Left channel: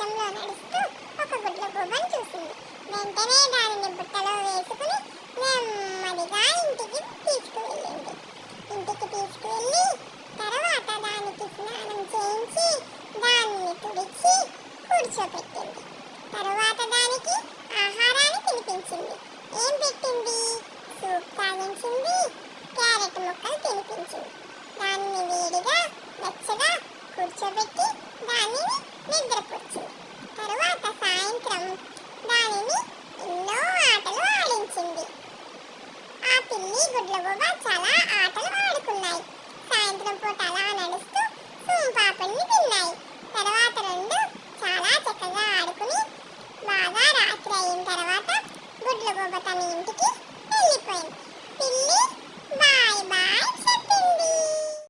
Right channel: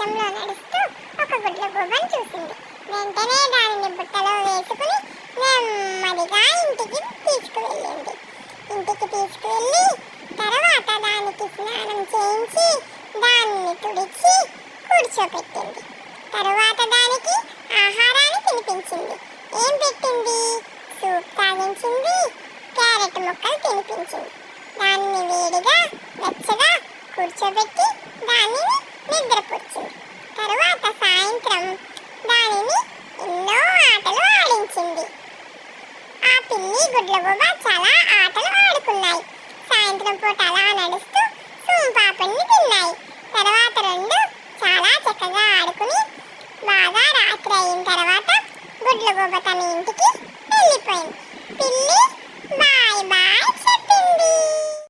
ప్రపంచంలో నడుస్తూ ఒక గుడ్లగూబను చూసింది. వెంటనే దానిని బుట్టలో వేసుకుని నెమ్మదిగా ఇంటికి తీసుకువెళ్ళింది. ఇంటికి తీసుకువెళ్ళి తర్వాత దానికి స్నానం చేయించి దానిని తుడిచి కూర్చోపెట్టింది. తరువాత దానికి ఆహారాన్ని తినిపించింది. ఏం పెట్టింది? సూప్ తాగించింది, క్యారెట్ ముక్కలు తినిపించింది. దానిని వేడిగా వెచ్చగా కూర్చోబెట్టి దానిని నిద్రపుచ్చింది. తరువాత సాయంత్రం దానిని ఎన్నో ఆటలు ఆడించింది. ఆ పిల్లి గుడ్లగూబ చాలా ఆటలు ఆడుకున్నాయి. సాయంత్రం పూట అలా నడుస్తూ సోంపాపడిని తిన్నాయి. తర్వాత రెండు చాలా చక్కగా ఆడుకుని బాగా రాత్రి అయిన తర్వాత గుడ్లగూబ తన ఇంటికి వెళ్ళిపోయింది. పిల్లి బాయ్ బాయ్.